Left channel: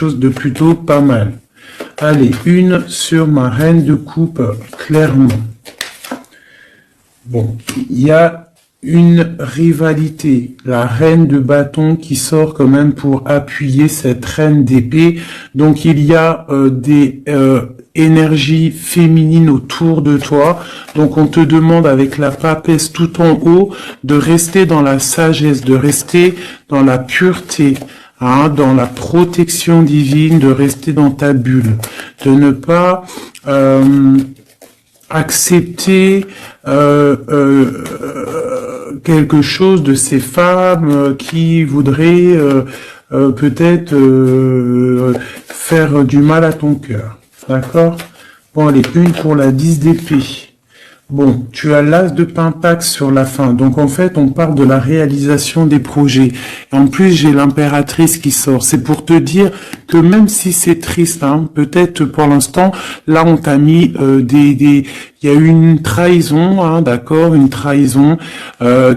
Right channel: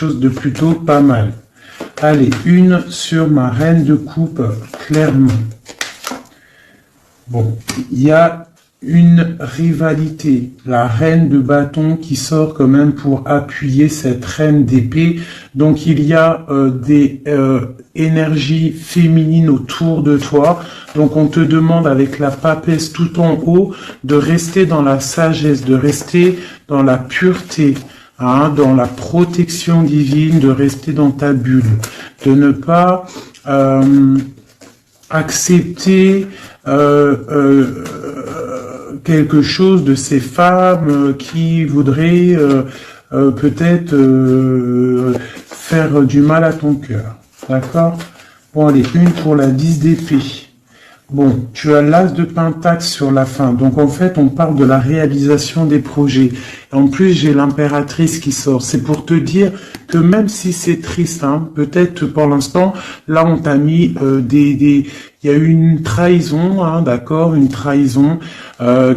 chose de plutôt pas mal. Allez, une sur ma reine de coupe, clairement. Bon, il y a une rivalité, la reine de bâton qui sort quand même pour appuyer cette reine d'épée. Donc il y a des énergies féminines autour de toi. Donc on te demande avec la papesse tout en haut de rester dans la sagesse, de rester dans la pureté, hein, dans la protection divine, de rester dans ta bulle, de ne pas accepter quelque chose de ces femmes qui voudraient peut-être faire du mal à ton cœur. D'accord? Bon, allez, une pour la 10 d'épée. Bon, tu as l'as de pentacle sur la fin. Donc, en fait, on parle de la réalisation des projets. Et en plus, j'ai l'impératrice qui sort. C'est pour te dire que même si c'est triste, hein, peut-être pour l'instant, là, on t'a mis il y a eu une trahison, hein, d'accord, une trahison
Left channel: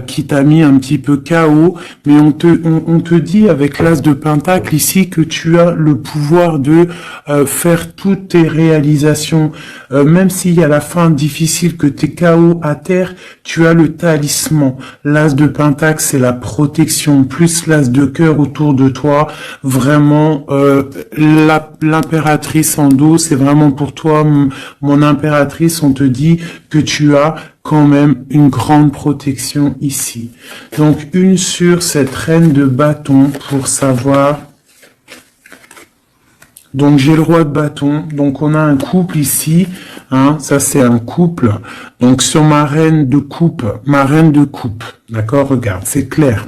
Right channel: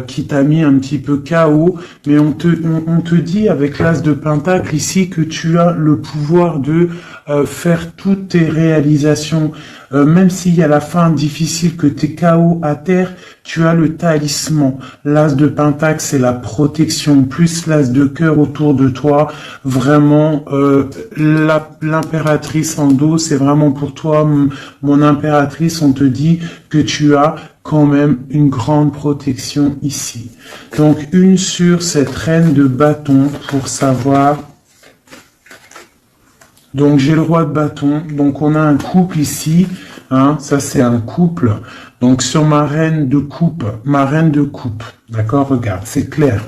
qui t'a mis un petit peu KO, mais on te dit avec l'as de pentacle ici que tu as le pouvoir de faire toutes tes réalisations, même s'il y a la fin difficile que t'es KO à terre, tu as le talisman. L'as de pentacle, c'est la protection, plus l'as de cœur autour de toi, vraiment l'impératrice en dos, c'est vraiment pour toi, mon impératrice, on te dit que tu as quand même une grande protection ici. Donc, une sur cette reine de bâton pour savoir. Donc, j'ai le roi de bâton. Donc, on a un couple ici. Hein, ça, c'est un couple. Donc, sur ma reine de coupe. D'accord, regarde, c'est clair.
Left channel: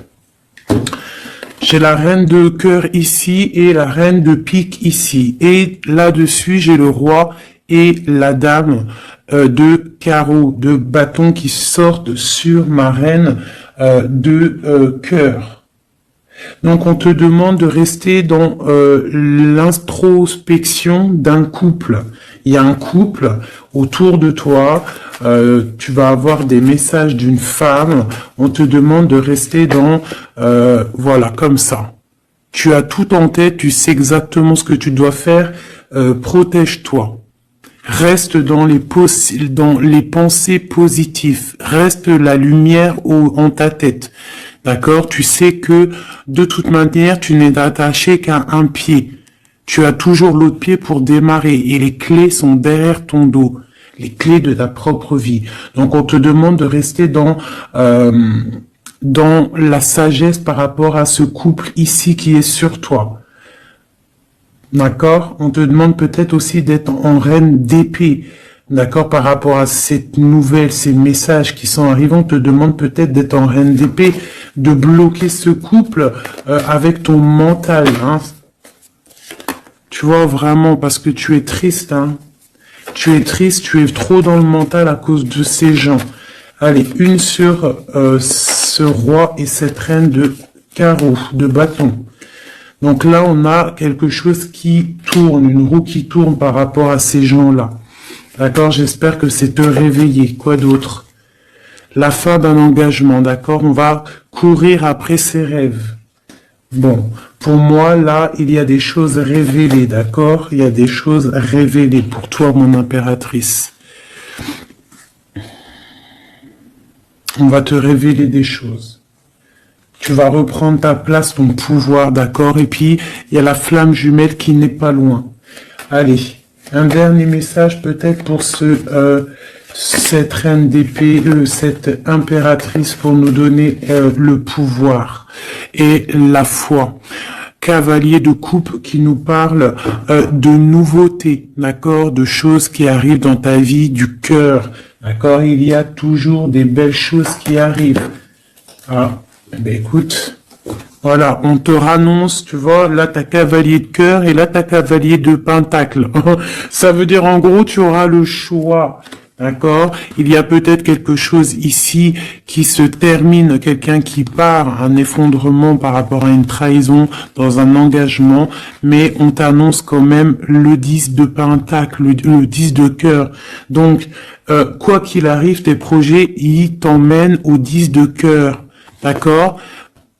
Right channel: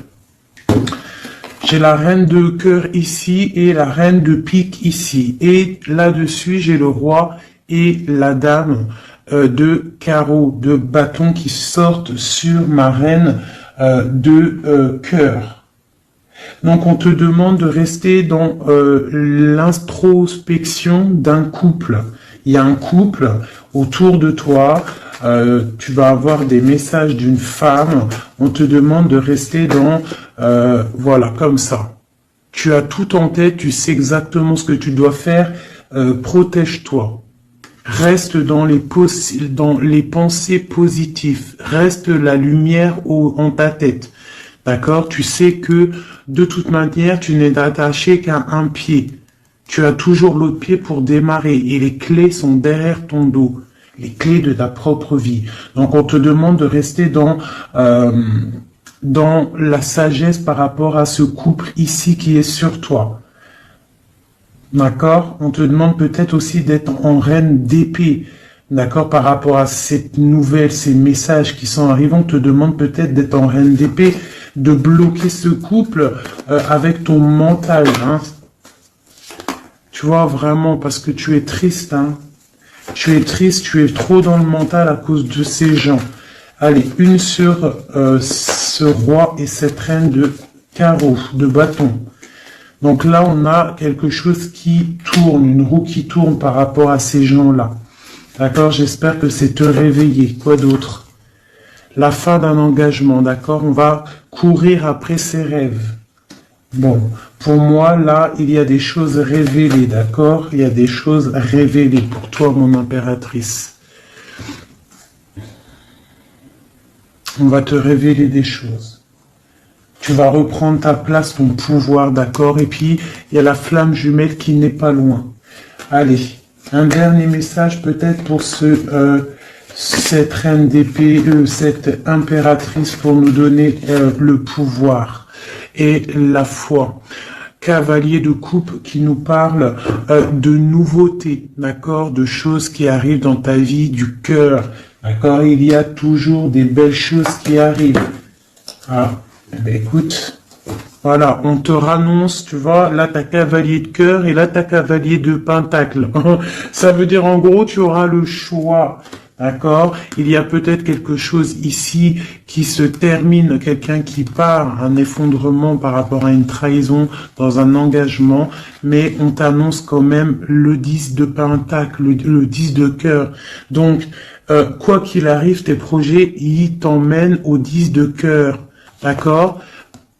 J'ai la reine de cœur ici et la reine de pique ici. Et là-dessus, j'ai le roi et la dame de carreau, de bâton qui sortent sur ma reine de cœur. Donc, on te demande de rester dans l'introspection d'un couple. Il y a un couple autour de toi. Tu vas avoir des messages d'une femme. On te demande de rester dans, voilà, comme ça. Tu as tout en tête. Tu sais exactement ce que tu dois faire. Protège-toi. Reste dans les pensées positives. Reste la lumière en ta tête. D'accord? Tu sais que, de toute manière, tu n'es attaché qu'à un pied. Tu as toujours l'autre pied pour démarrer. Et les clés sont derrière ton dos. Les clés de ta propre vie. Donc, on te demande de rester dans la sagesse par rapport à ce couple ici qui est sur toi. D'accord? On te demande peut-être aussi d'être en reine d'épée. D'accord? Par rapport à cette nouvelle, ces messages qui sont arrivés, on te demande peut-être d'être en reine d'épée, de bloquer ce couple avec ton mental. Hein? Tu vois, vraiment, parce que tu es triste. Hein? Tu es triste, tu es trop dans le mental à cause de ces gens. Allez, une sur ce roi et cette reine de carreau, de bâton. Donc là, on a quelque chose qui tourne, une roue qui tourne par rapport à ces gens-là. D'accord? J'espère que c'est te réveiller. Quoi d'autre? La fin d'un engagement, d'accord? On va courir après ses rêves. Bon, pour moi, là, il y a des choses révélées, d'accord? Il y a des choses révélées pour toi, mon impératrice. On va te révéler des choses. Tu vas reprendre ta place, ton pouvoir, d'accord? Et puis, il y a la flamme jumelle qui n'est pas loin. Allez, un dernier message peut-être pour cette reine d'épée, cette impératrice pour nous donner le pouvoir et la foi. Cavalier de coupe qui nous parle de nouveautés, d'accord? De choses qui arrivent dans ta vie, du cœur, d'accord? Il y a toujours des belles choses qui arrivent. Voilà. Ben écoute, voilà, on te rannonce, tu vois, là t'as cavalier de cœur et là t'as cavalier de pentacle. Ça veut dire en gros tu auras le choix, d'accord? Il y a peut-être quelque chose ici qui se termine, quelqu'un qui part, un effondrement par rapport à une trahison dans un engagement, mais on t'annonce quand même le 10 de pentacle, le 10 de cœur. Donc, quoi qu'il arrive, tes projets, ils t'emmènent au 10 de cœur. D'accord?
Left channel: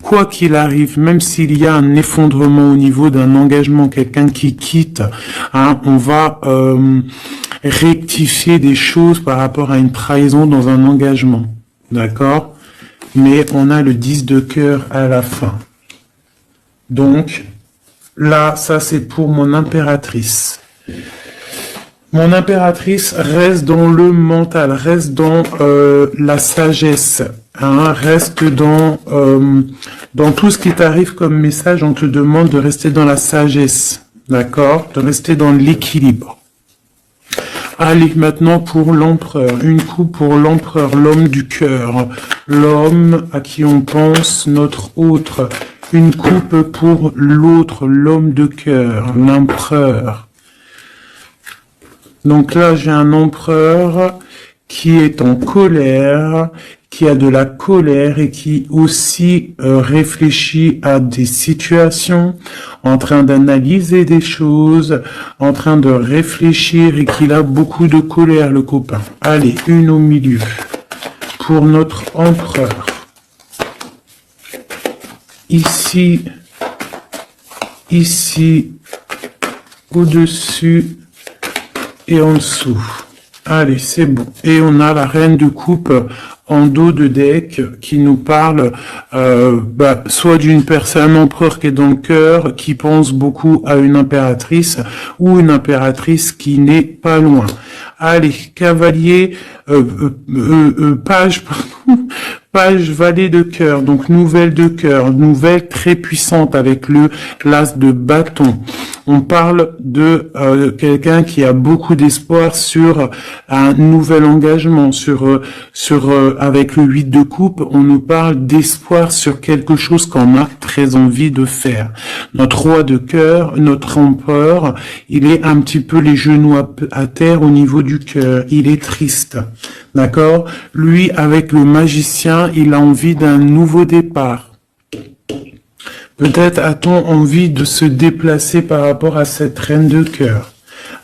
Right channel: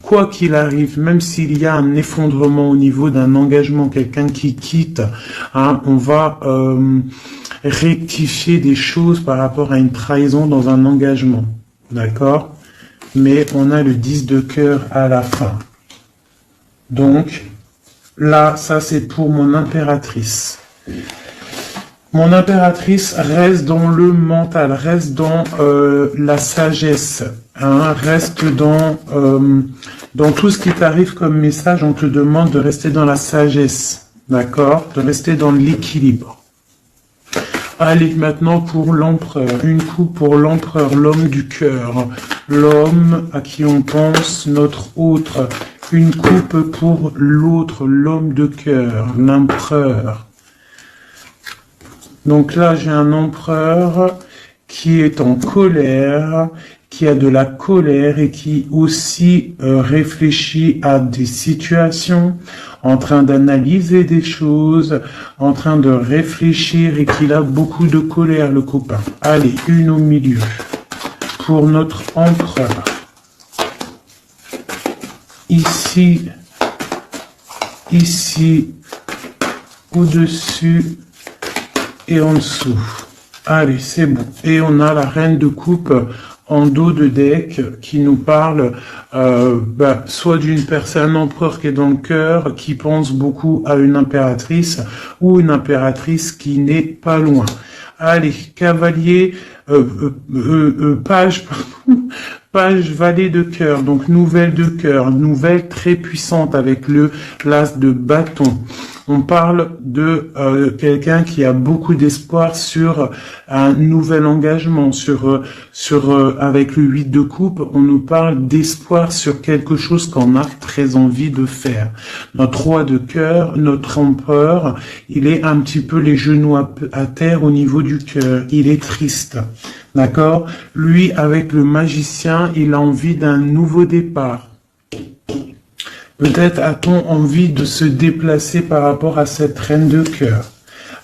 quoi qu'il arrive, même s'il y a un effondrement au niveau d'un engagement, quelqu'un qui quitte, hein, on va rectifier des choses par rapport à une trahison dans un engagement. D'accord? Mais on a le 10 de cœur à la fin. Donc, là, ça c'est pour mon impératrice. Mon impératrice reste dans le mental, reste dans la sagesse, hein, reste dans tout ce qui t'arrive comme message, on te demande de rester dans la sagesse, d'accord? De rester dans l'équilibre. Allez, maintenant pour l'empereur, une coupe pour l'empereur, l'homme du cœur, l'homme à qui on pense, notre autre, une coupe pour l'autre, l'homme de cœur, l'empereur. Donc là, j'ai un empereur qui est en colère, qui a de la colère et qui aussi réfléchit à des situations, en train d'analyser des choses, en train de réfléchir et qu'il a beaucoup de colère, le copain. Allez, une au milieu pour notre empereur. Ici, au-dessus et en dessous. Allez, c'est bon. Et on a la reine de coupe en dos de deck qui nous parle soit d'une personne, un empereur qui est dans le cœur, qui pense beaucoup à une impératrice, ou une impératrice qui n'est pas loin. Allez, cavalier, page, page valet de cœur, donc nouvelle de cœur, nouvelle très puissante avec le l'as de bâton. On parle de quelqu'un qui a beaucoup d'espoir sur un nouvel engagement, avec le 8 de coupe, on nous parle d'espoir sur quelque chose qu'on a très envie de faire. Notre roi de cœur, notre empereur, il est un petit peu les genoux à terre au niveau du cœur, il est triste. D'accord? Lui, avec le magicien, il a envie d'un nouveau départ. Peut-être a-t-on envie de se déplacer par rapport à cette reine de cœur.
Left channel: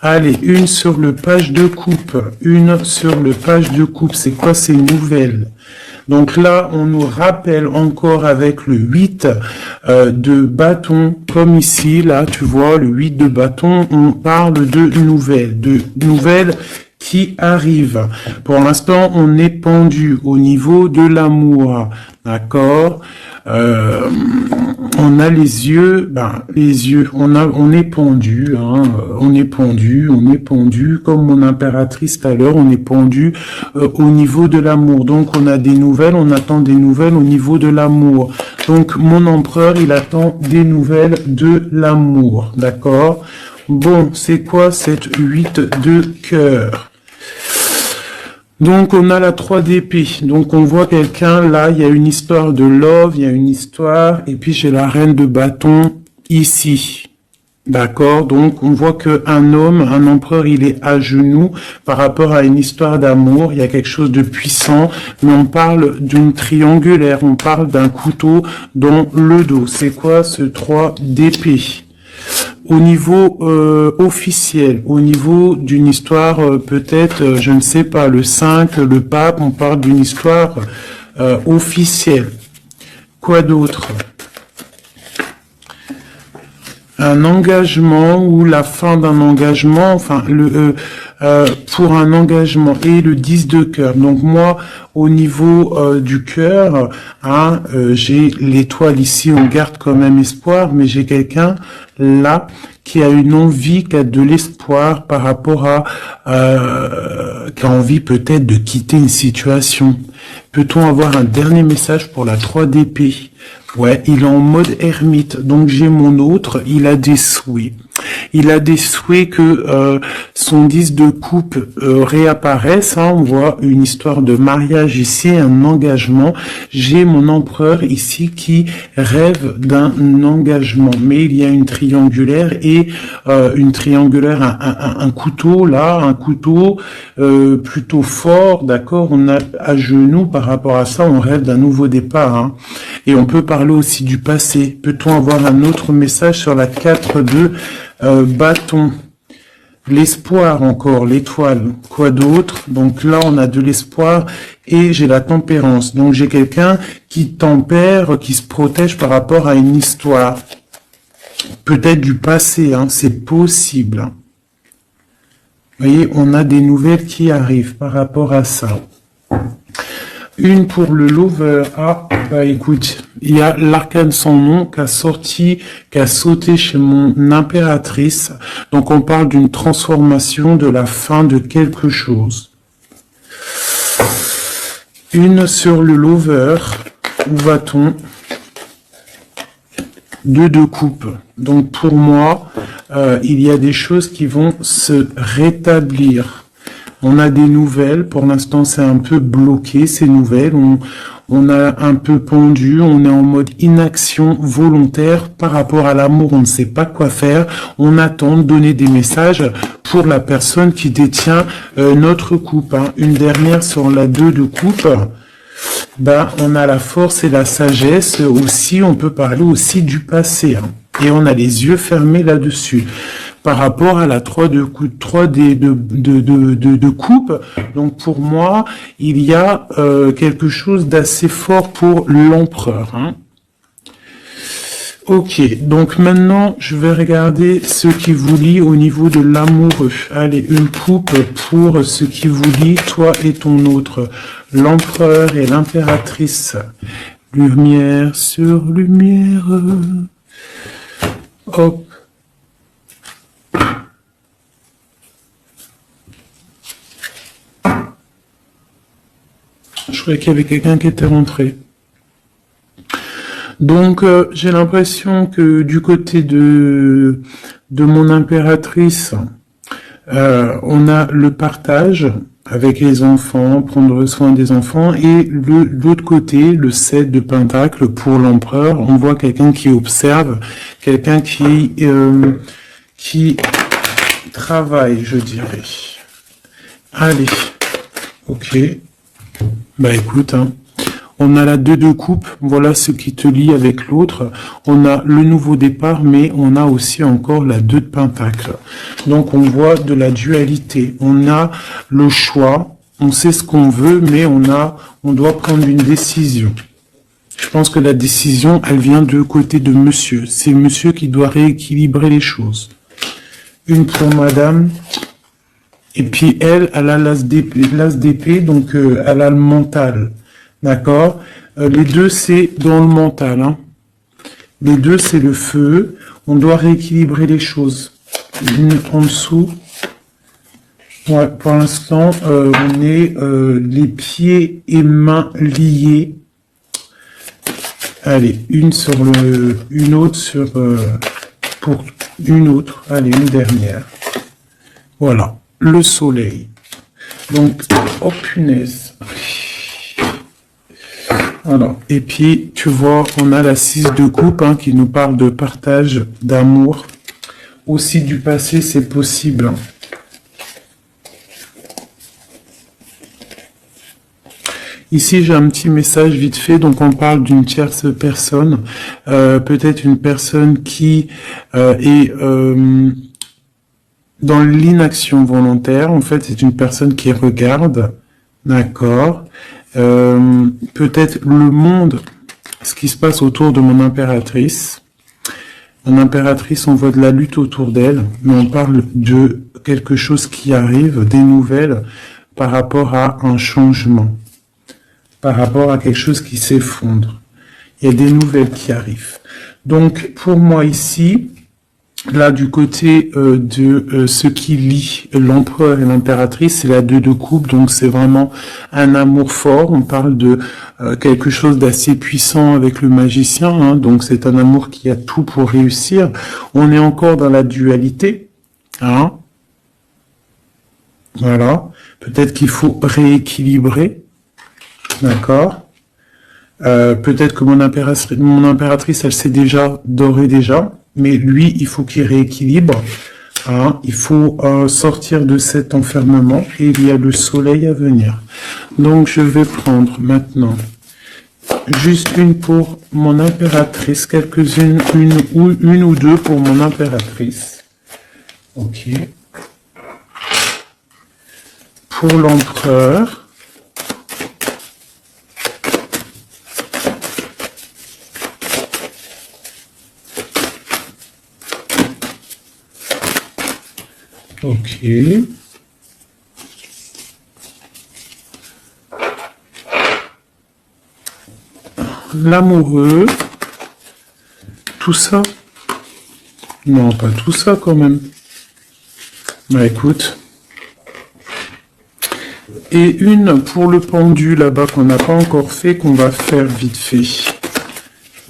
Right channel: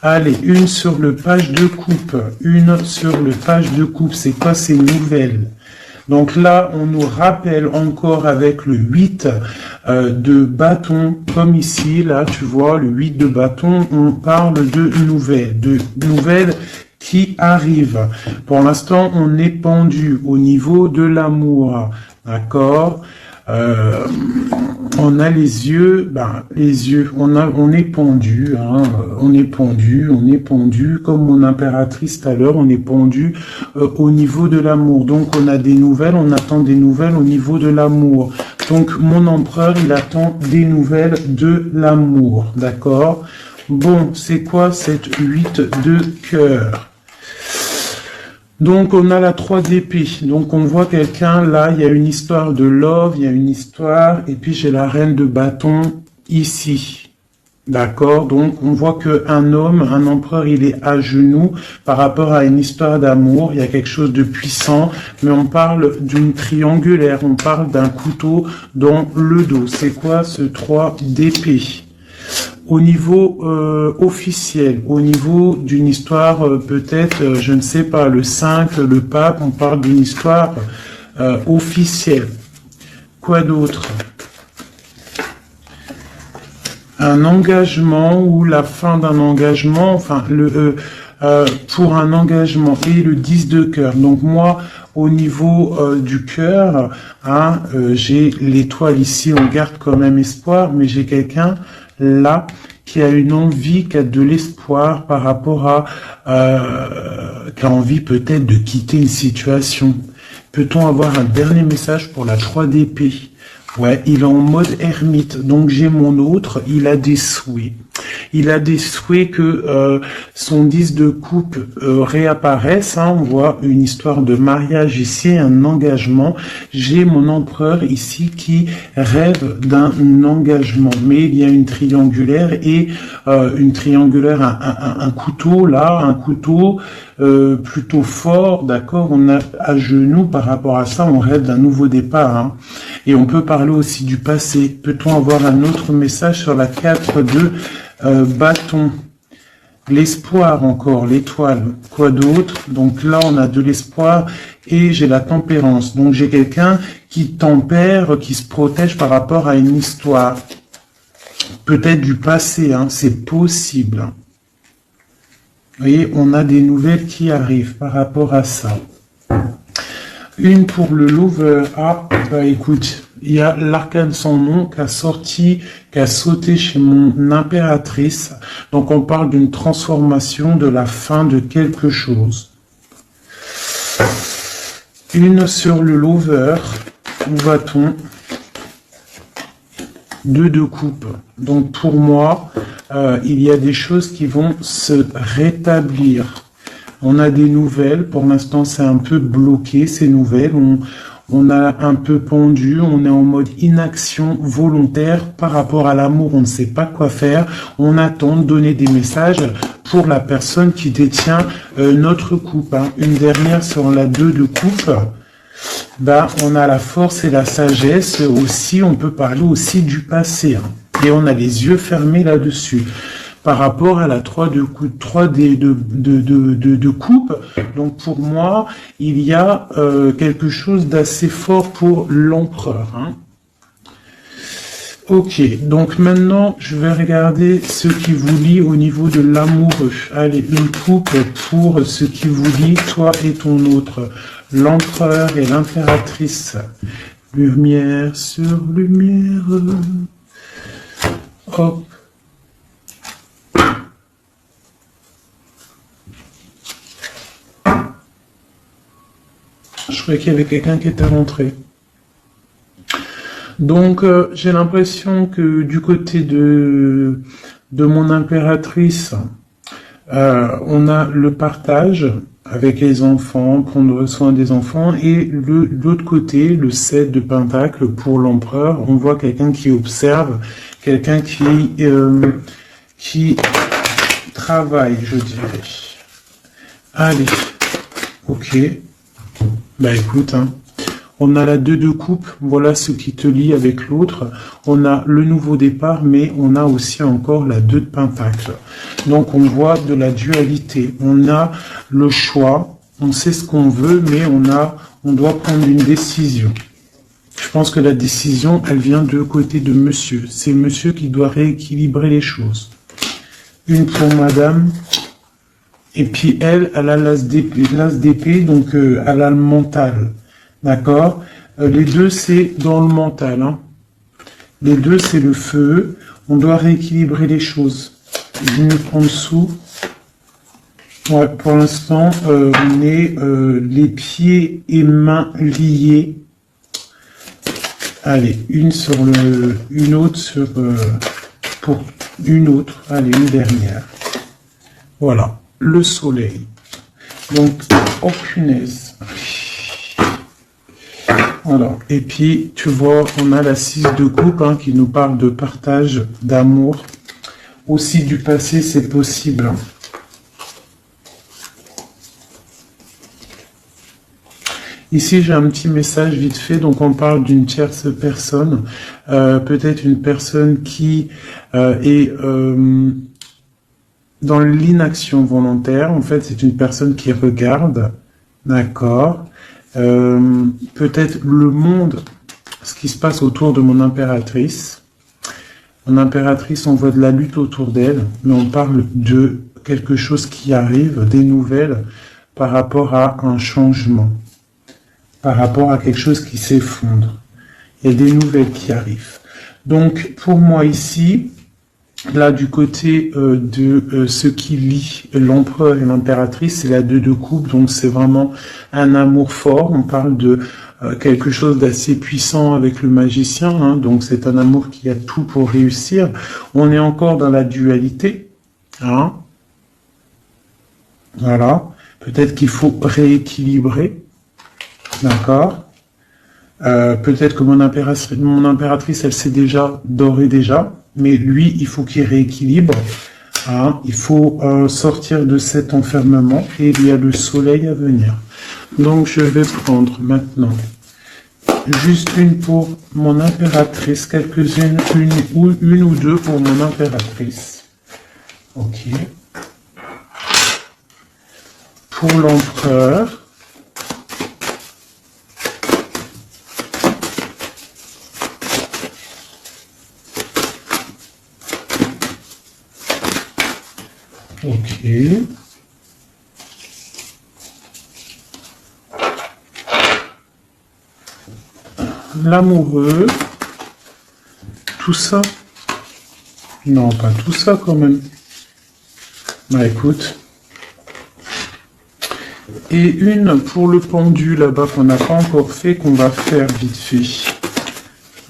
Allez, une sur le page de coupe. Une sur le page de coupe. C'est quoi ces nouvelles? Donc là, on nous rappelle encore avec le 8 de bâton, comme ici, là, tu vois, le 8 de bâton, on parle de nouvelles qui arrivent. Pour l'instant, on est pendu au niveau de l'amour, d'accord? On a les yeux, on est pendu, hein, on est pendu, comme mon impératrice tout à l'heure, on est pendu au niveau de l'amour. Donc on a des nouvelles, on attend des nouvelles au niveau de l'amour. Donc mon empereur, il attend des nouvelles de l'amour, d'accord? Bon, c'est quoi cette 8 de cœur? Donc, on a la 3 d'épée. Donc, on voit quelqu'un, là, il y a une histoire de love, il y a une histoire, et puis j'ai la reine de bâton ici. D'accord? Donc, on voit qu'un homme, un empereur, il est à genoux par rapport à une histoire d'amour. Il y a quelque chose de puissant, mais on parle d'une triangulaire, on parle d'un couteau dans le dos. C'est quoi ce 3 d'épée? Au niveau officiel, au niveau d'une histoire peut-être, je ne sais pas, le 5, le pape, on parle d'une histoire officielle. Quoi d'autre? Un engagement ou la fin d'un engagement, enfin, pour un engagement et le 10 de cœur. Donc moi, au niveau du cœur, hein, j'ai l'étoile ici, on garde quand même espoir, mais j'ai quelqu'un là qui a une envie, qui a de l'espoir par rapport à qui a envie peut-être de quitter une situation. Peut-on avoir un dernier message pour la 3 d'épée? Ouais, il est en mode ermite, donc j'ai mon autre, il a des souhaits. Il a des souhaits que son 10 de coupe réapparaisse, hein, on voit une histoire de mariage ici, un engagement. J'ai mon empereur ici qui rêve d'un engagement, mais il y a une triangulaire et un couteau là, un couteau plutôt fort, d'accord, on a à genoux par rapport à ça, on rêve d'un nouveau départ, hein. Et on peut parler aussi du passé. Peut-on avoir un autre message sur la 4 de bâton? l'espoir encore, l'étoile, quoi d'autre? Donc là, on a de l'espoir et j'ai la tempérance. Donc j'ai quelqu'un qui tempère, qui se protège par rapport à une histoire. Peut-être du passé, hein, c'est possible. Vous voyez, on a des nouvelles qui arrivent par rapport à ça. Une pour le lover. Ah, bah écoute, il y a l'arcane sans nom qui a sorti, qui a sauté chez mon impératrice. Donc on parle d'une transformation, de la fin de quelque chose. Une sur le lover. Où va-t-on? 2 de coupe. Donc pour moi, il y a des choses qui vont se rétablir. On a des nouvelles, pour l'instant c'est un peu bloqué ces nouvelles, on a un peu pendu, on est en mode inaction volontaire par rapport à l'amour, on ne sait pas quoi faire, on attend de donner des messages pour la personne qui détient notre coupe. Hein. Une dernière sur la 2 de coupe, bah, on a la force et la sagesse aussi, on peut parler aussi du passé, hein. Et on a les yeux fermés là-dessus. Par rapport à la 3 de coupe, 3 de coupe. Donc pour moi, il y a quelque chose d'assez fort pour l'empereur. Hein. Ok, donc maintenant, je vais regarder ce qui vous lie au niveau de l'amoureux. Allez, une coupe pour ce qui vous lie, toi et ton autre. L'empereur et l'impératrice. Lumière sur lumière. Hop. Je croyais qu'il y avait quelqu'un qui était rentré. Donc, j'ai l'impression que du côté de mon impératrice, on a le partage avec les enfants, prendre soin des enfants, et l'autre côté, le 7 de pentacle pour l'empereur, on voit quelqu'un qui observe, quelqu'un qui travaille, je dirais. Allez, ok. Bah écoute, hein. On a la 2 de coupe, voilà ce qui te lie avec l'autre. On a le nouveau départ, mais on a aussi encore la 2 de pentacle. Donc on voit de la dualité. On a le choix, on sait ce qu'on veut, mais on doit prendre une décision. Je pense que la décision, elle vient du côté de monsieur. C'est monsieur qui doit rééquilibrer les choses. Une pour madame. Et puis elle a l'as d'épée, donc elle a le mental. D'accord? Les deux, c'est dans le mental. Hein. Les deux, c'est le feu. On doit rééquilibrer les choses. En dessous. Ouais, pour l'instant, on est les pieds et mains liés. Allez, une autre sur pour une autre. Allez, une dernière. Voilà, le soleil. Donc, oh punaise. Voilà. Et puis, tu vois, on a la 6 de coupe hein, qui nous parle de partage, d'amour. Aussi du passé, c'est possible. Hein. Ici, j'ai un petit message vite fait. Donc, on parle d'une tierce personne. Peut-être une personne qui est dans l'inaction volontaire. En fait, c'est une personne qui regarde. D'accord. Peut-être le monde, ce qui se passe autour de mon impératrice. Mon impératrice, on voit de la lutte autour d'elle, mais on parle de quelque chose qui arrive, des nouvelles par rapport à un changement, par rapport à quelque chose qui s'effondre. Il y a des nouvelles qui arrivent. Donc, pour moi ici, là, du côté de ce qui lie l'empereur et l'impératrice, c'est la 2 de coupe, donc c'est vraiment un amour fort. On parle de quelque chose d'assez puissant avec le magicien, hein, donc c'est un amour qui a tout pour réussir. On est encore dans la dualité, hein. Voilà. Peut-être qu'il faut rééquilibrer, d'accord. Peut-être que mon impératrice, elle sait déjà, d'ores et déjà, mais lui, il faut qu'il rééquilibre. Hein, il faut sortir de cet enfermement et il y a le soleil à venir. Donc, je vais prendre maintenant juste une pour mon impératrice, quelques-unes, une ou deux pour mon impératrice. Ok. pour l'empereur. Ok. L'amoureux. Tout ça. Non, pas tout ça quand même. Bah écoute. Et une pour le pendu là-bas qu'on n'a pas encore fait, qu'on va faire vite fait.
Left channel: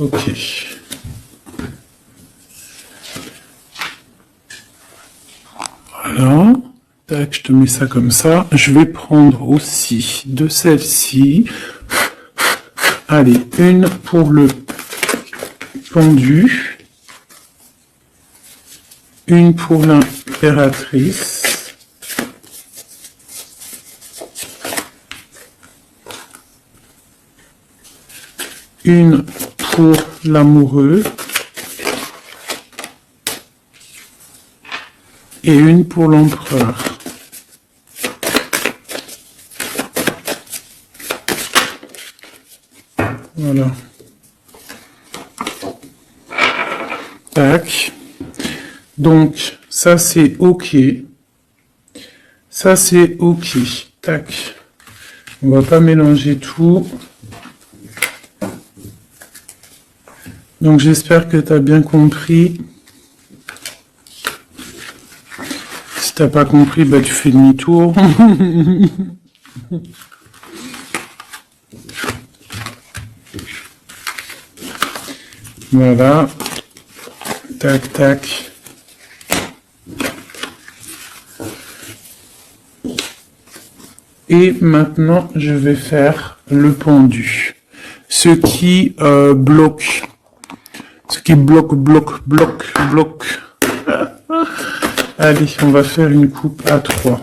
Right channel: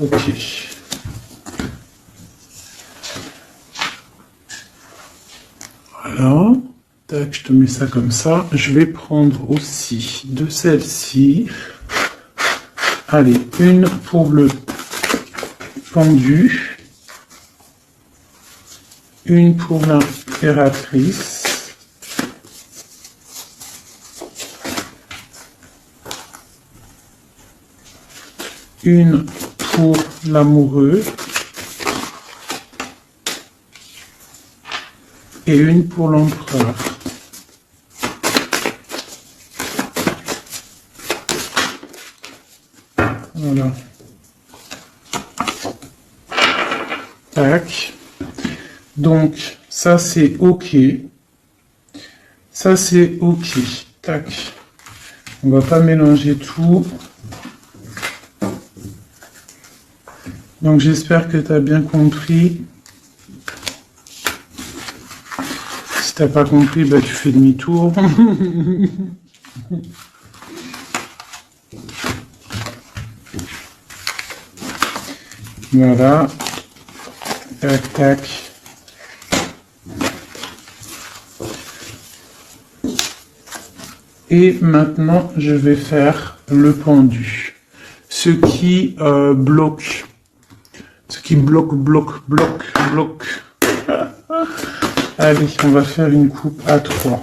Ok. Voilà. Tac, je te mets ça comme ça. Je vais prendre aussi de celle-ci. Allez, une pour le pendu. Une pour l'impératrice. Une pour l'amoureux. Et une pour l'empereur. Voilà. Tac. Donc, ça c'est OK. Ça c'est OK. Tac. On va pas mélanger tout. Donc, j'espère que tu as bien compris. Si t'as pas compris, bah tu fais demi-tour. Voilà. Tac, tac. Et maintenant, je vais faire le pendu. Ce qui bloque. Ce qui bloque. Allez, on va faire une coupe à 3.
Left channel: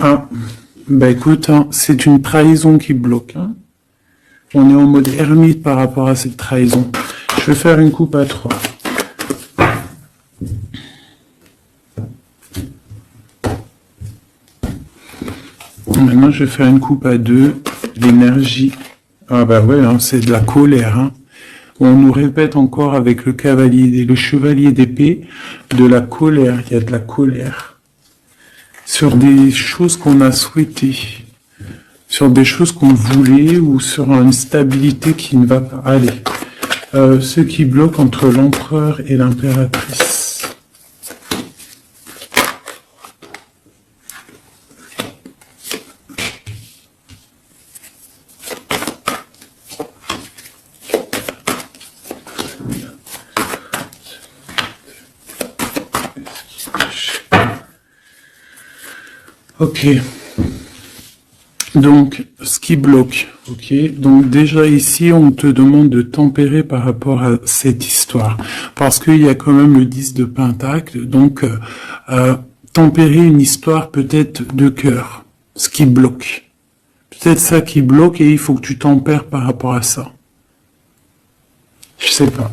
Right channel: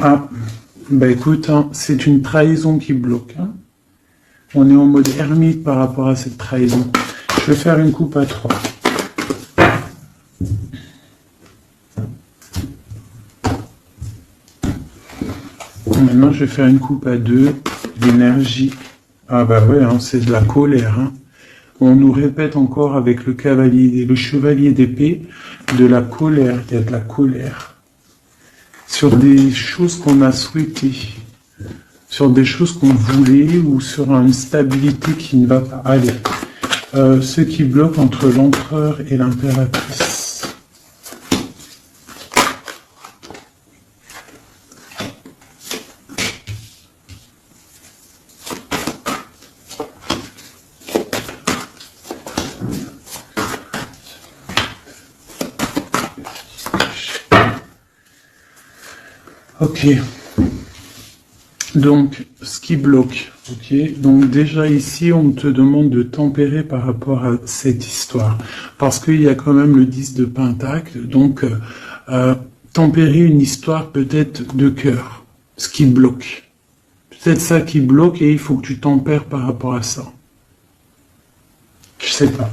Ah, bah écoute, hein, c'est une trahison qui bloque. Hein. On est en mode ermite par rapport à cette trahison. Je vais faire une coupe à 3. Maintenant, je vais faire une coupe à 2. L'énergie. Ah bah oui, hein, c'est de la colère. Hein. On nous répète encore avec le cavalier et le chevalier d'épée de la colère. Il y a de la colère sur des choses qu'on a souhaitées, sur des choses qu'on voulait ou sur une stabilité qui ne va pas. Allez, ce qui bloque entre l'empereur et l'impératrice. Ok. Donc, ce qui bloque. Ok. Donc déjà ici, on te demande de tempérer par rapport à cette histoire, parce qu'il y a quand même le 10 de pentacle. Donc, tempérer une histoire peut-être de cœur. Ce qui bloque. Peut-être ça qui bloque et il faut que tu tempères par rapport à ça. Je sais pas.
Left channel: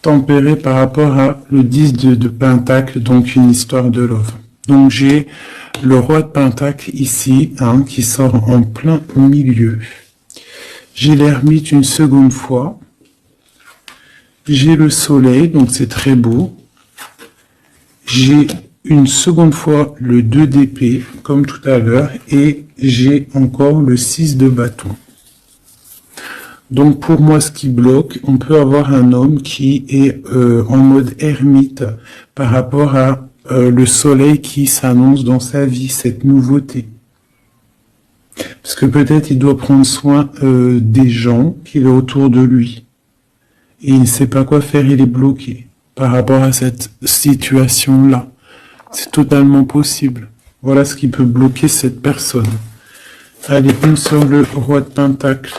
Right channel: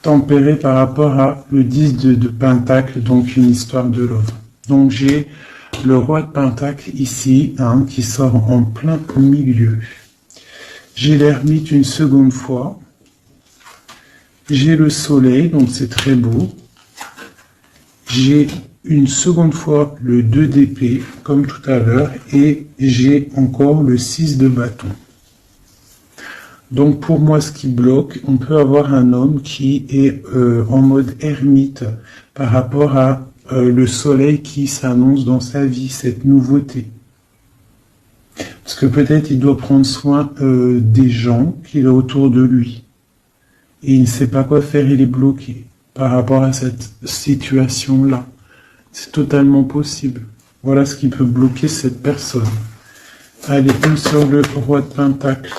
Tempérer par rapport à le 10 de pentacle, donc une histoire de love. Donc j'ai le roi de pentacle ici, hein, qui sort en plein milieu. J'ai l'ermite une seconde fois. J'ai le soleil, donc c'est très beau. J'ai une seconde fois le 2 d'épée, comme tout à l'heure. Et j'ai encore le 6 de bâton. Donc pour moi, ce qui bloque, on peut avoir un homme qui est en mode ermite par rapport à le soleil qui s'annonce dans sa vie, cette nouveauté. Parce que peut-être il doit prendre soin des gens qu'il a autour de lui. Et il ne sait pas quoi faire, il est bloqué par rapport à cette situation-là. C'est totalement possible. Voilà ce qui peut bloquer cette personne. Allez, sur le roi de pentacle.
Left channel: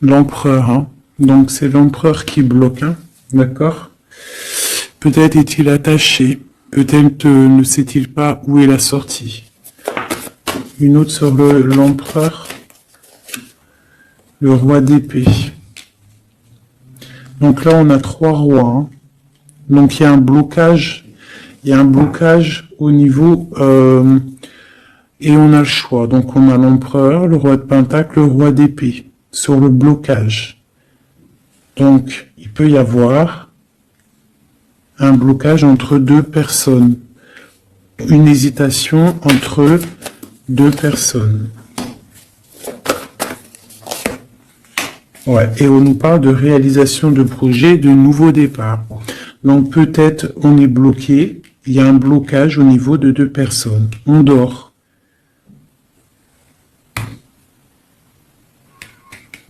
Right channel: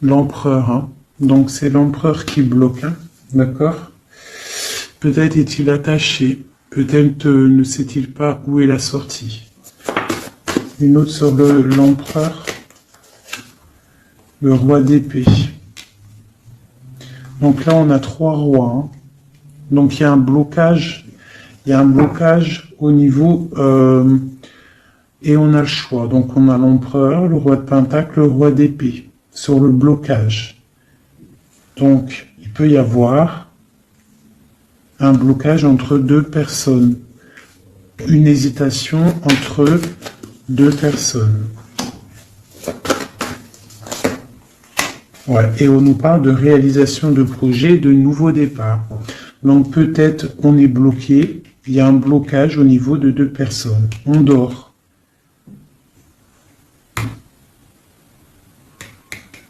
L'empereur, hein. Donc c'est l'empereur qui bloque, hein. D'accord? Peut-être est-il attaché, peut-être ne sait-il pas où est la sortie. Une autre sur l'empereur, le roi d'épée. Donc là on a 3 rois, hein. Donc il y a un blocage il y a un blocage au niveau... et on a le choix. Donc on a l'empereur, le roi de pentacle, le roi d'épée sur le blocage. Donc il peut y avoir un blocage entre deux personnes. Une hésitation entre deux personnes. Ouais. Et on nous parle de réalisation de projet, de nouveau départ. Donc peut-être on est bloqué, il y a un blocage au niveau de deux personnes. On dort.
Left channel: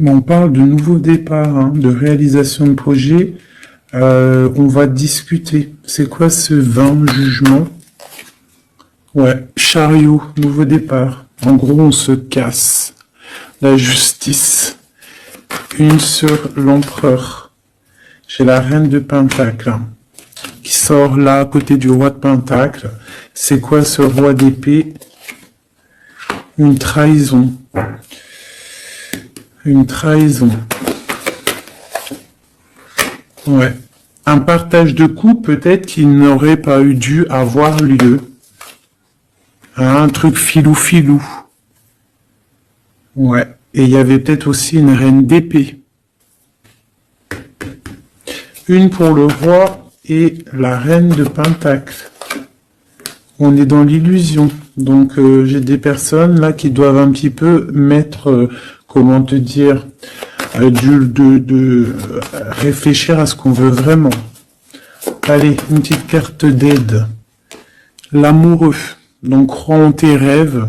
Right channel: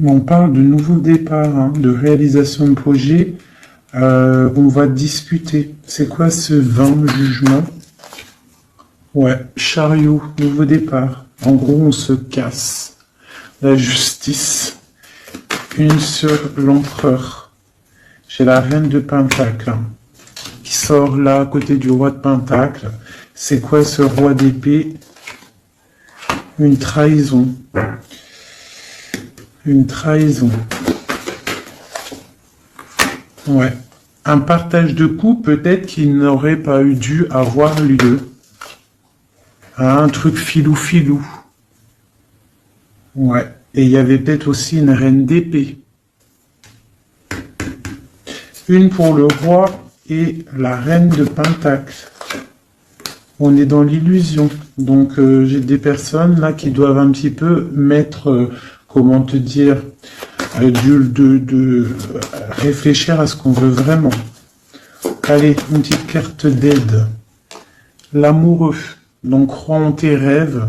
Mais on parle de nouveau départ, hein, de réalisation de projet. On va discuter. C'est quoi ce 20 jugement? Ouais, chariot, nouveau départ. En gros, on se casse. La justice. Une sur l'empereur. J'ai la reine de Pentacle hein, qui sort là à côté du roi de Pentacle. C'est quoi ce roi d'épée? Une trahison. Une trahison. Ouais. Un partage de coups peut-être qui n'aurait pas eu dû avoir lieu. Un truc filou-filou. Ouais. Et il y avait peut-être aussi une reine d'épée. Une pour le roi et la reine de Pentacle. On est dans l'illusion. Donc j'ai des personnes là qui doivent un petit peu mettre, comment te dire, réfléchir à ce qu'on veut vraiment. Allez, une petite carte d'aide. L'amoureux. Donc crois en tes rêves.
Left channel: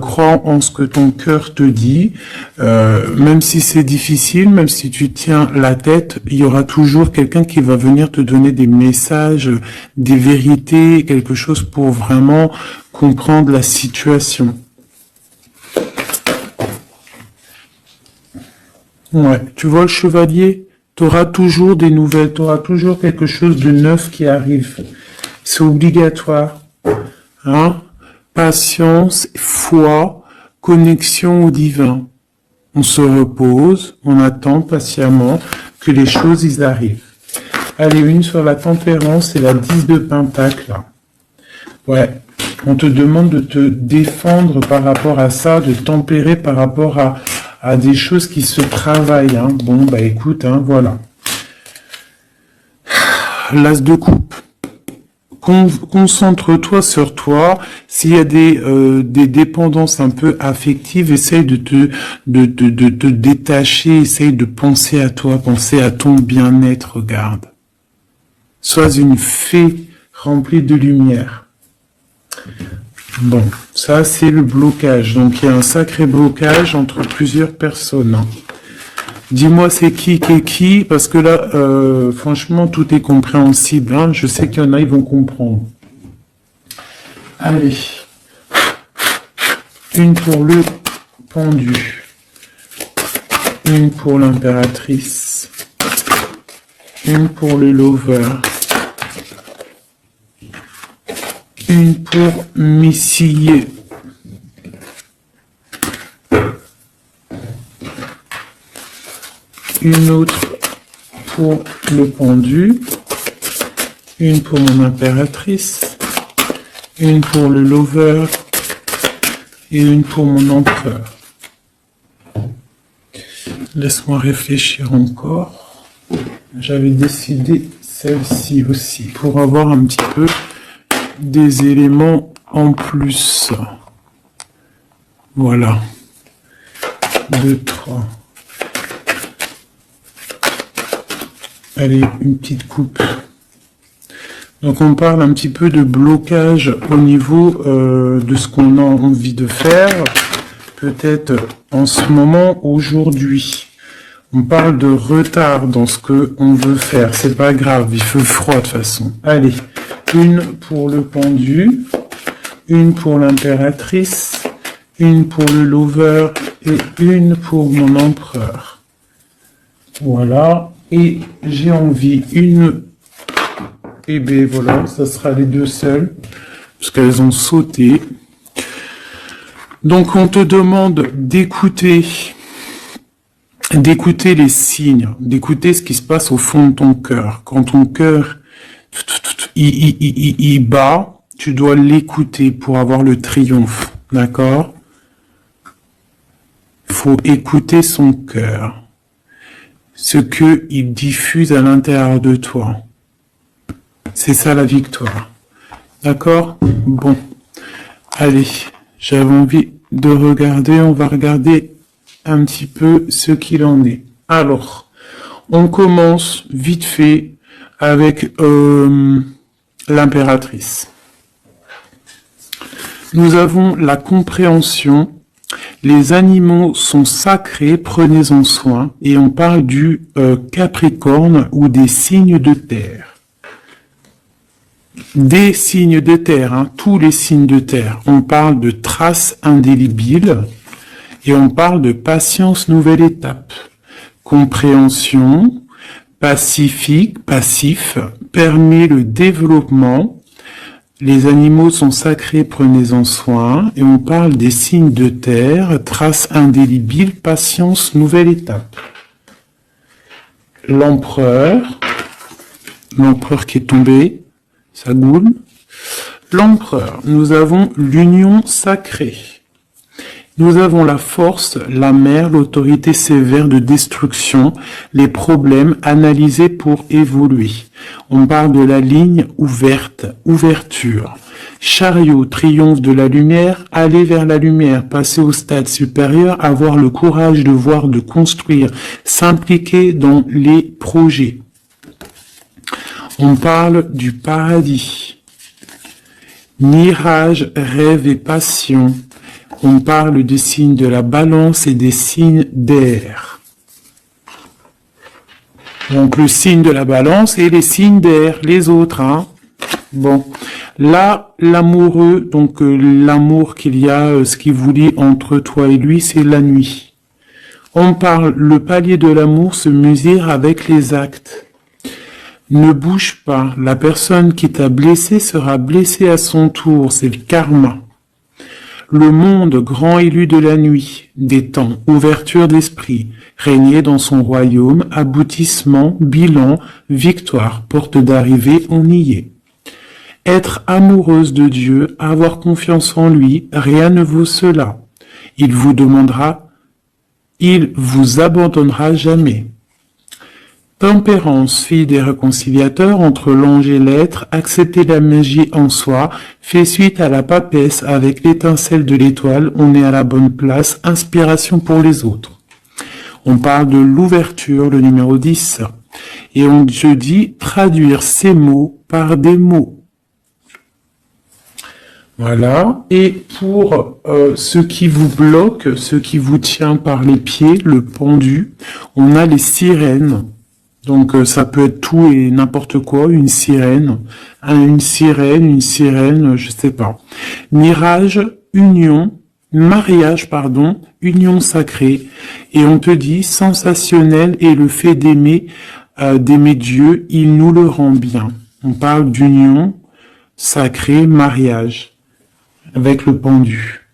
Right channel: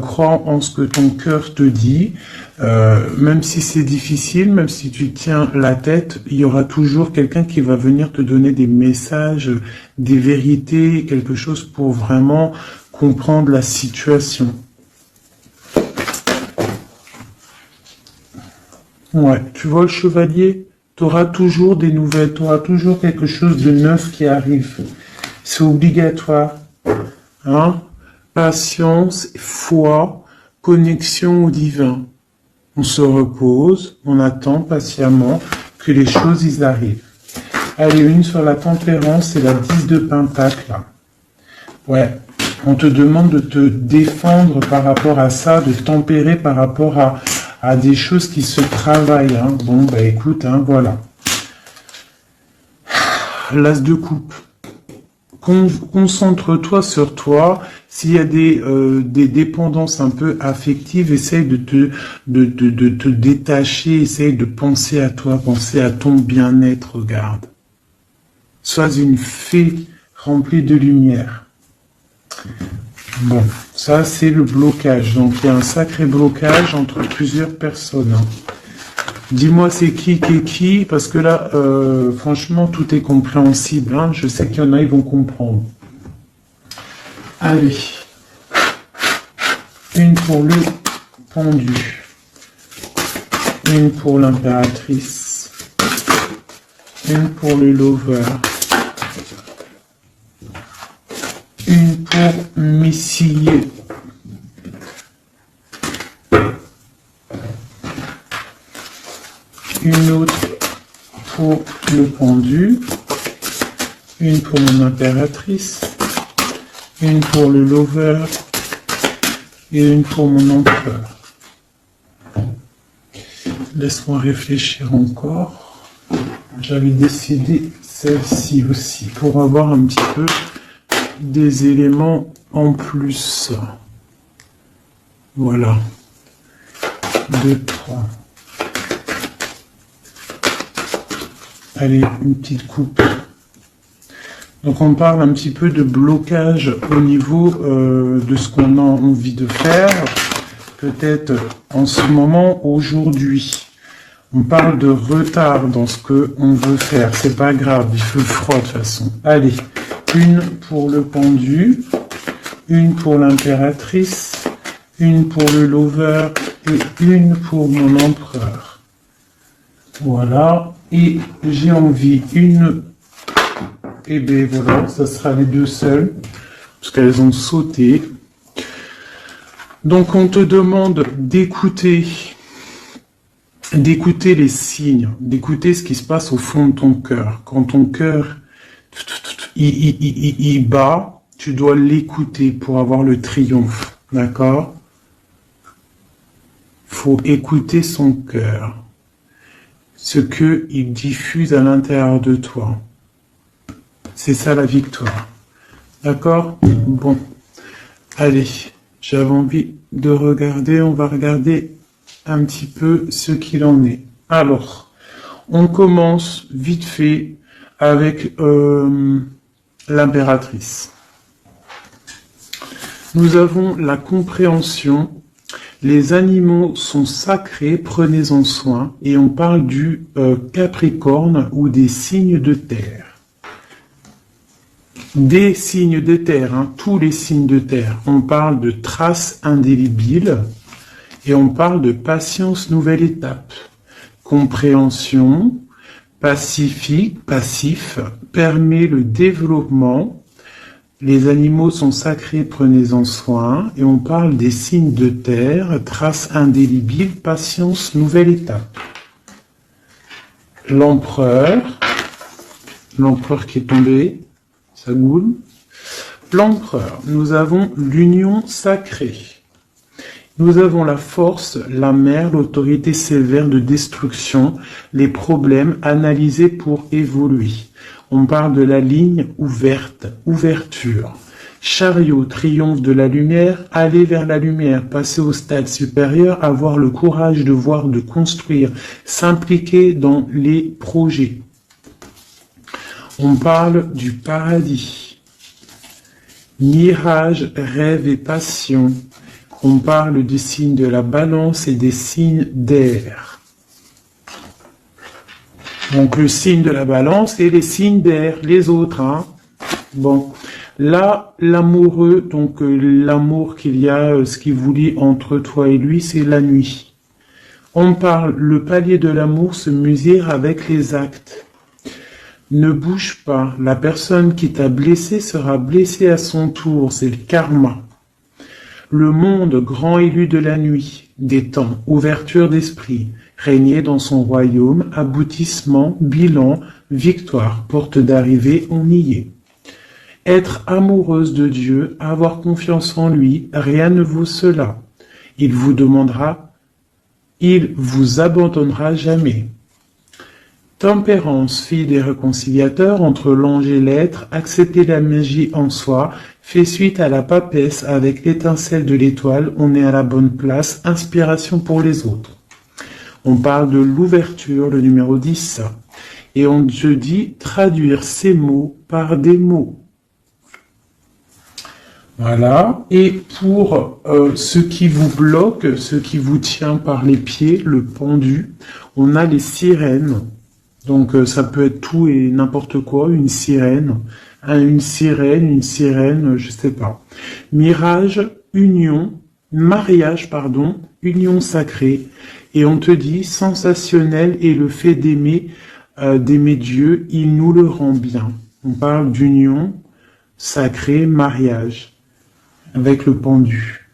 Crois en ce que ton cœur te dit, même si c'est difficile, même si tu tiens la tête, il y aura toujours quelqu'un qui va venir te donner des messages, des vérités, quelque chose pour vraiment comprendre la situation. Ouais, tu vois le chevalier, tu auras toujours des nouvelles, tu auras toujours quelque chose de neuf qui arrive. C'est obligatoire. Hein? Patience, foi, connexion au divin. On se repose, on attend patiemment que les choses y arrivent. Allez, une sur la tempérance et la 10 de pentacle. Ouais, on te demande de te défendre par rapport à ça, de tempérer par rapport à des choses qui se travaillent. Hein. Bon, bah écoute, hein, voilà. L'as de coupe. Concentre-toi sur toi. S'il y a des dépendances un peu affectives, essaye de te détacher, essaye de penser à toi, penser à ton bien-être, regarde. Sois une fée remplie de lumière. Bon, ça c'est le blocage. Donc il y a un sacré blocage entre plusieurs personnes. Hein. Dis-moi c'est qui, parce que là, franchement, tout est compréhensible. Hein. Je sais qu'il y en a, ils vont comprendre. Allez. Une pour le pendu. Une pour l'impératrice. Une pour le lover. Une pour Missy. Une autre pour le pendu, une pour mon impératrice, une pour le lover et une pour mon empereur. Laisse-moi réfléchir encore. J'avais décidé celle-ci aussi pour avoir un petit peu des éléments en plus. Voilà. 2, 3. Allez, une petite coupe. Donc on parle un petit peu de blocage au niveau de ce qu'on a envie de faire. Peut-être en ce moment, aujourd'hui. On parle de retard dans ce qu'on veut faire. C'est pas grave, il fait froid de toute façon. Allez, une pour le pendu, une pour l'impératrice, une pour le lover et une pour mon empereur. Voilà. Et j'ai envie une... Et bien voilà, ça sera les deux seules, parce qu'elles ont sauté. Donc on te demande d'écouter les signes, d'écouter ce qui se passe au fond de ton cœur. Quand ton cœur il bat, tu dois l'écouter pour avoir le triomphe, d'accord? Faut écouter son cœur, ce que il diffuse à l'intérieur de toi. C'est ça la victoire, d'accord? Bon, allez, j'avais envie de regarder, on va regarder un petit peu ce qu'il en est. Alors, on commence vite fait avec l'impératrice. Nous avons la compréhension. Les animaux sont sacrés, prenez-en soin. Et on parle du Capricorne ou des signes de terre. Des signes de terre, hein, tous les signes de terre. On parle de traces indélébiles et on parle de patience, nouvelle étape. Compréhension, passif, permet le développement. Les animaux sont sacrés, prenez-en soin. Et on parle des signes de terre, traces indélébiles, patience, nouvelle étape. L'empereur qui est tombé, ça goule. L'empereur, nous avons l'union sacrée. Nous avons la force, la mer, l'autorité sévère de destruction, les problèmes analysés pour évoluer. On parle de la ligne ouverte, ouverture. Chariot, triomphe de la lumière, aller vers la lumière, passer au stade supérieur, avoir le courage de voir, de construire, s'impliquer dans les projets. On parle du paradis. Mirage, rêve et passion. On parle du signe de la balance et des signes d'air. Donc le signe de la balance et les signes d'air, les autres. Hein. Bon, là, l'amoureux, donc l'amour qu'il y a, ce qui vous lie entre toi et lui, c'est la nuit. On parle, le palier de l'amour se mesure avec les actes. Ne bouge pas, la personne qui t'a blessé sera blessée à son tour, c'est le karma. Le monde grand élu de la nuit, des temps, ouverture d'esprit, régner dans son royaume, aboutissement, bilan, victoire, porte d'arrivée, on y est. Être amoureuse de Dieu, avoir confiance en lui, rien ne vaut cela. Il vous abandonnera jamais. Tempérance, fille des réconciliateurs entre l'ange et l'être, accepter la magie en soi, fait suite à la papesse avec l'étincelle de l'étoile, on est à la bonne place, inspiration pour les autres. On parle de l'ouverture, le numéro 10, et je dis traduire ces mots par des mots. Voilà, et pour ce qui vous bloque, ce qui vous tient par les pieds, le pendu, on a les sirènes. Donc ça peut être tout et n'importe quoi, une sirène, je sais pas. Mariage, union sacrée. Et on te dit, sensationnel et le fait d'aimer Dieu, il nous le rend bien. On parle d'union sacrée, mariage, avec le pendu.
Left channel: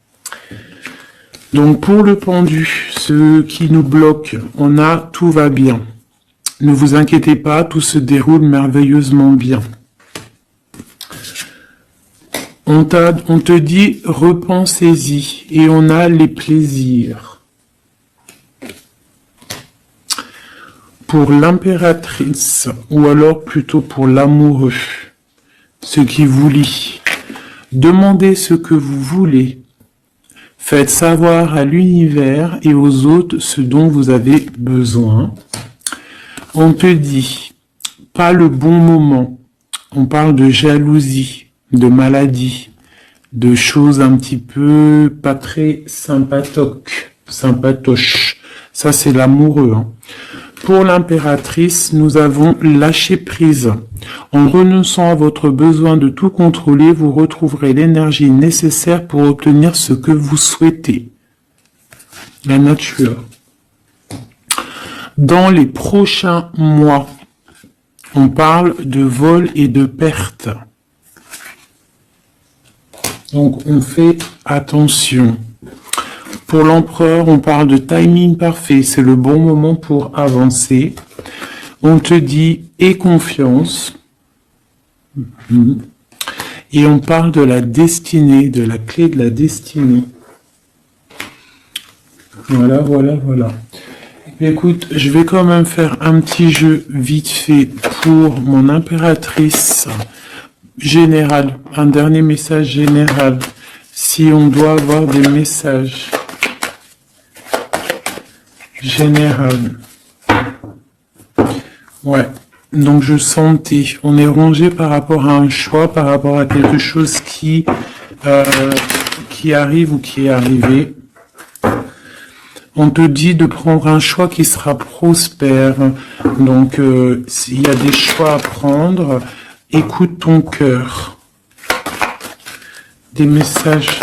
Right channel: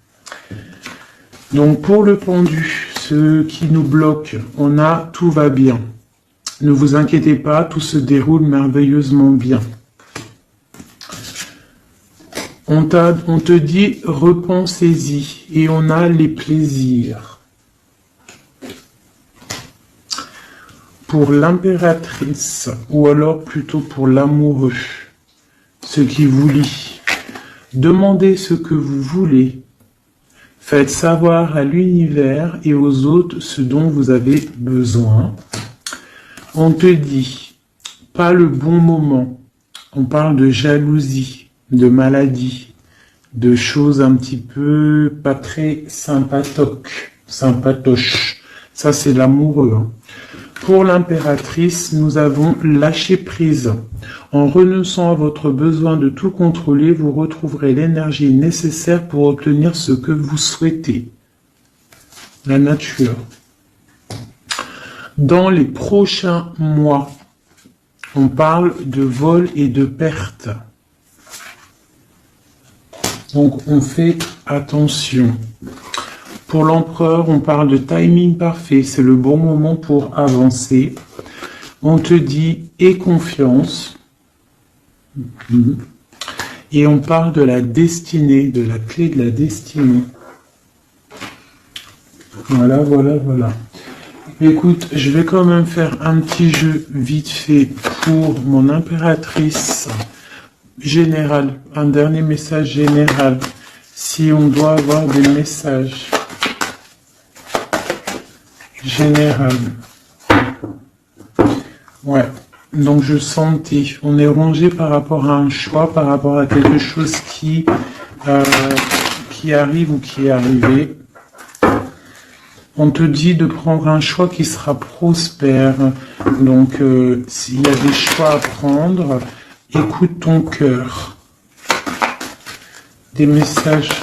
Donc pour le pendu, ce qui nous bloque, on a tout va bien. Ne vous inquiétez pas, tout se déroule merveilleusement bien. On te dit, repensez-y, et on a les plaisirs. Pour l'impératrice, ou alors plutôt pour l'amoureux, ce qui vous lie, demandez ce que vous voulez. Faites savoir à l'univers et aux autres ce dont vous avez besoin. On te dit, pas le bon moment. On parle de jalousie, de maladie, de choses un petit peu pas très sympatoches. Ça, c'est l'amoureux. Hein. Pour l'impératrice, nous avons lâché prise. En renonçant à votre besoin de tout contrôler, vous retrouverez l'énergie nécessaire pour obtenir ce que vous souhaitez. La nature. Dans les prochains mois, on parle de vol et de perte. Donc, on fait attention. Pour l'empereur, on parle de timing parfait. C'est le bon moment pour avancer. On te dit, aie confiance. Et on parle de la destinée, de la clé de la destinée. Voilà, voilà, voilà. Écoute, je vais quand même faire un petit jeu vite fait pour mon impératrice générale. Un dernier message général. Si on doit avoir des messages généraux. Ouais. Donc je sentais, on est rongé par rapport à un choix, par rapport à quelque chose qui arrive ou qui est arrivé. On te dit de prendre un choix qui sera prospère. Donc s'il y a des choix à prendre, écoute ton cœur. Des messages.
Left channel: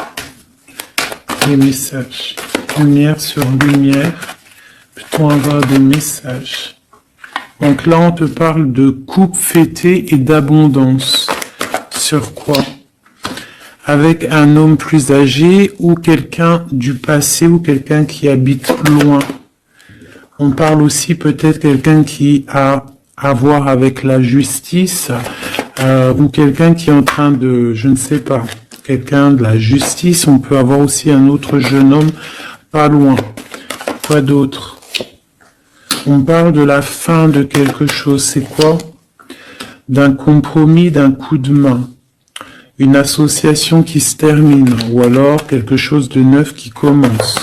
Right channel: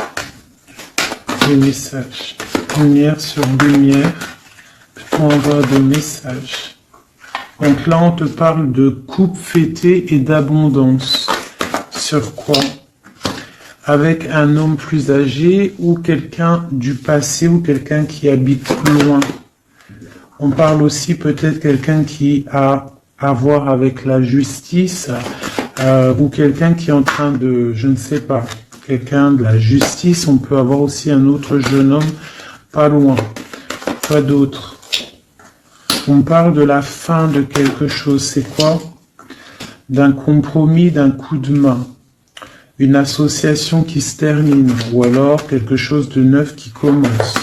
Lumière sur lumière. Peut-on avoir des messages? Donc là, on te parle de coupe fêtée et d'abondance. Sur quoi? Avec un homme plus âgé ou quelqu'un du passé ou quelqu'un qui habite loin. On parle aussi peut-être quelqu'un qui a à voir avec la justice ou quelqu'un qui est en train de, je ne sais pas, quelqu'un de la justice. On peut avoir aussi un autre jeune homme pas loin. Quoi d'autre? On parle de la fin de quelque chose. C'est quoi? D'un compromis, d'un coup de main. Une association qui se termine. Ou alors quelque chose de neuf qui commence.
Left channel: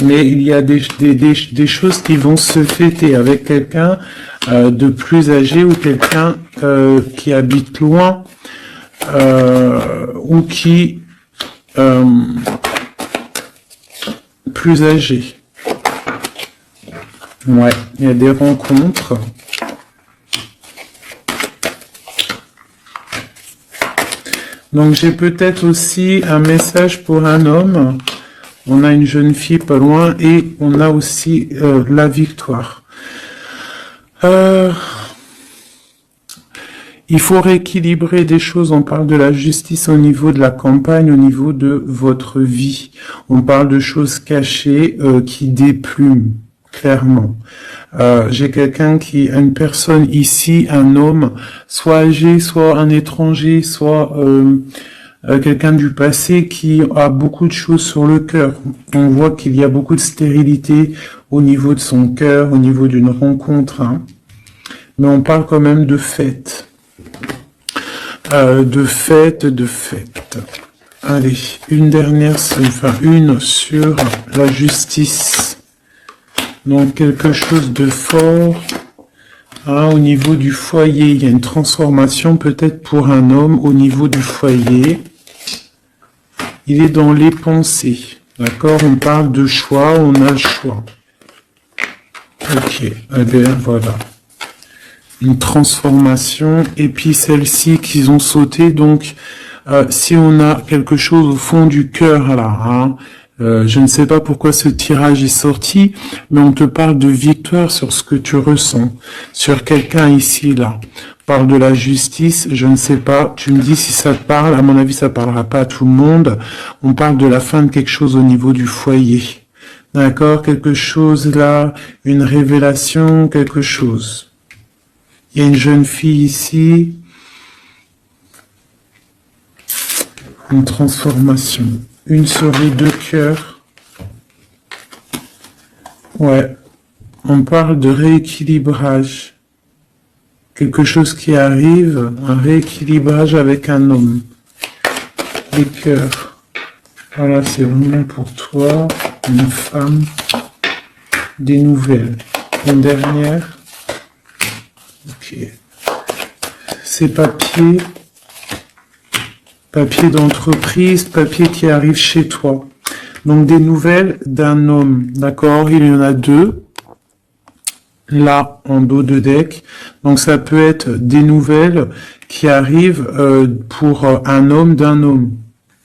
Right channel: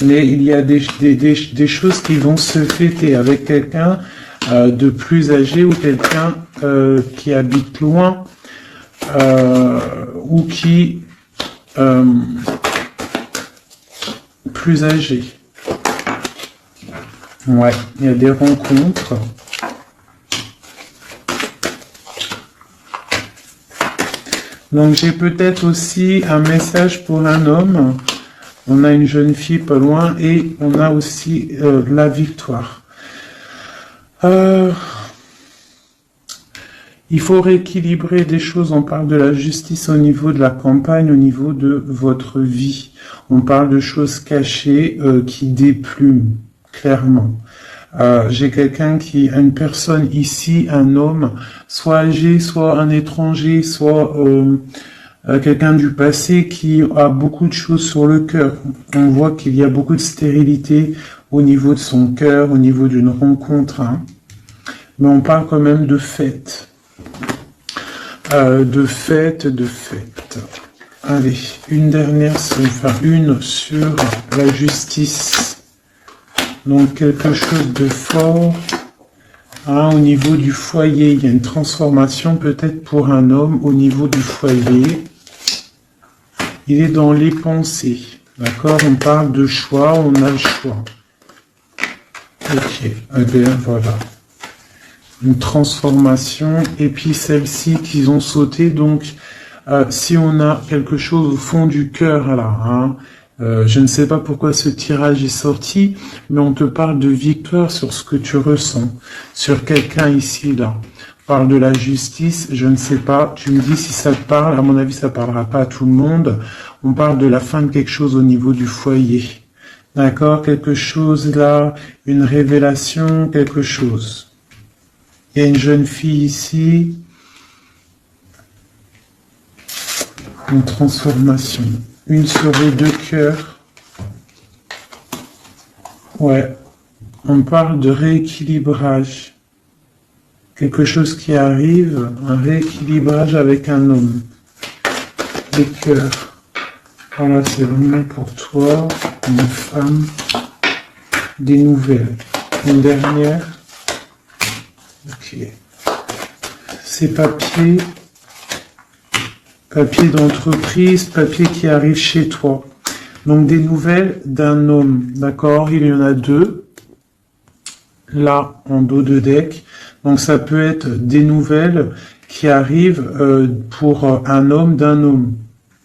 Mais il y a des choses qui vont se fêter avec quelqu'un de plus âgé ou quelqu'un qui habite loin ou qui plus âgé. Ouais, il y a des rencontres. Donc j'ai peut-être aussi un message pour un homme. On a une jeune fille pas loin et on a aussi la victoire. Il faut rééquilibrer des choses. On parle de la justice au niveau de la campagne, au niveau de votre vie. On parle de choses cachées qui déplument. Clairement. J'ai quelqu'un qui a une personne ici, un homme, soit âgé, soit un étranger, soit quelqu'un du passé qui a beaucoup de choses sur le cœur. On voit qu'il y a beaucoup de stérilité au niveau de son cœur, au niveau d'une rencontre. Hein. Mais on parle quand même de fête. De fête. Allez, une dernière, enfin une sur la justice. Donc quelque chose de fort hein, au niveau du foyer. Il y a une transformation peut-être pour un homme au niveau du foyer. Il est dans les pensées. D'accord? On parle de choix, on a un choix. Ok, eh bien voilà. Une transformation. Et puis celle-ci qu'ils ont sauté. Donc si on a quelque chose au fond du cœur là, hein, je ne sais pas pourquoi ce tirage est sorti, mais on te parle de victoire sur ce que tu ressens, sur quelqu'un ici, là. On parle de la justice, je ne sais pas, tu me dis si ça te parle, à mon avis ça parlera pas à tout le monde. On parle de la fin de quelque chose au niveau du foyer. D'accord? Quelque chose là, une révélation, quelque chose. Il y a une jeune fille ici. Une transformation. Une souris de cœur. Ouais. On parle de rééquilibrage. Quelque chose qui arrive, un rééquilibrage avec un homme. Les cœurs. Voilà, c'est vraiment pour toi, une femme. Des nouvelles. Une dernière. Ok. Ces papiers. Papier d'entreprise, papier qui arrive chez toi. Donc des nouvelles d'un homme, d'accord? Il y en a deux, là, en dos de deck. Donc ça peut être des nouvelles qui arrivent pour un homme d'un homme,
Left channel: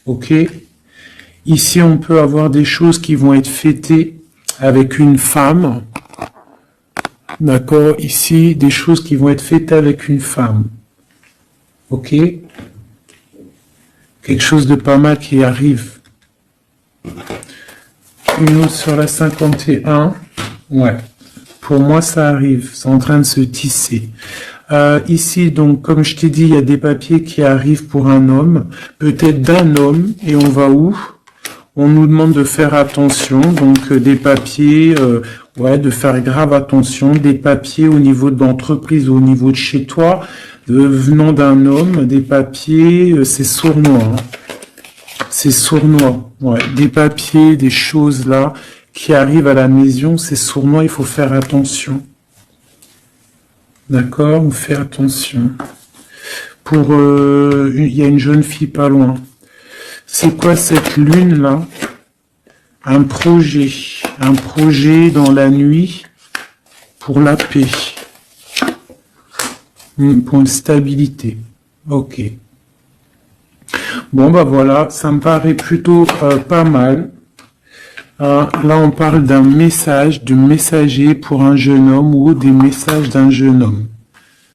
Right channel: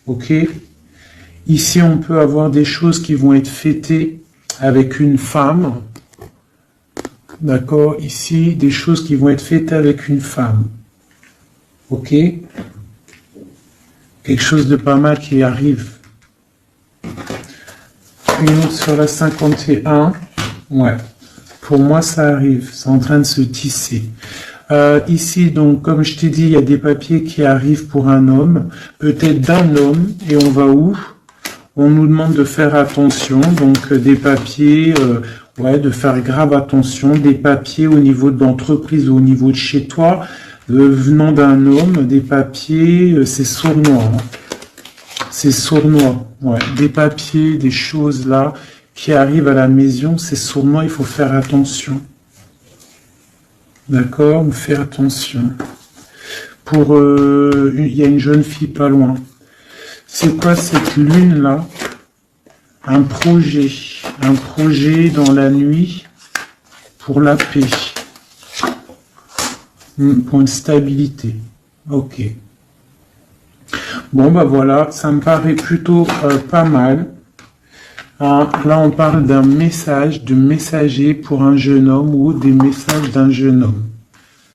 ok? Ici, on peut avoir des choses qui vont être fêtées avec une femme, d'accord? Ici, des choses qui vont être fêtées avec une femme, ok? Quelque chose de pas mal qui arrive. Nous sur la 51. Ouais. Pour moi, ça arrive. C'est en train de se tisser. Ici, donc, comme je t'ai dit, il y a des papiers qui arrivent pour un homme, peut-être d'un homme, et on va où? On nous demande de faire attention, donc des papiers, ouais, de faire grave attention, des papiers au niveau de l'entreprise ou au niveau de chez toi, venant d'un homme, des papiers, c'est sournois, hein. C'est sournois, ouais, des papiers, des choses là qui arrivent à la maison, c'est sournois, il faut faire attention. D'accord, on fait attention. Il y a une jeune fille pas loin. C'est quoi cette lune là? Un projet dans la nuit pour la paix, pour une stabilité. Ok. Bon bah voilà, ça me paraît plutôt pas mal. Ah, là on parle d'un message, de messager pour un jeune homme ou des messages d'un jeune homme.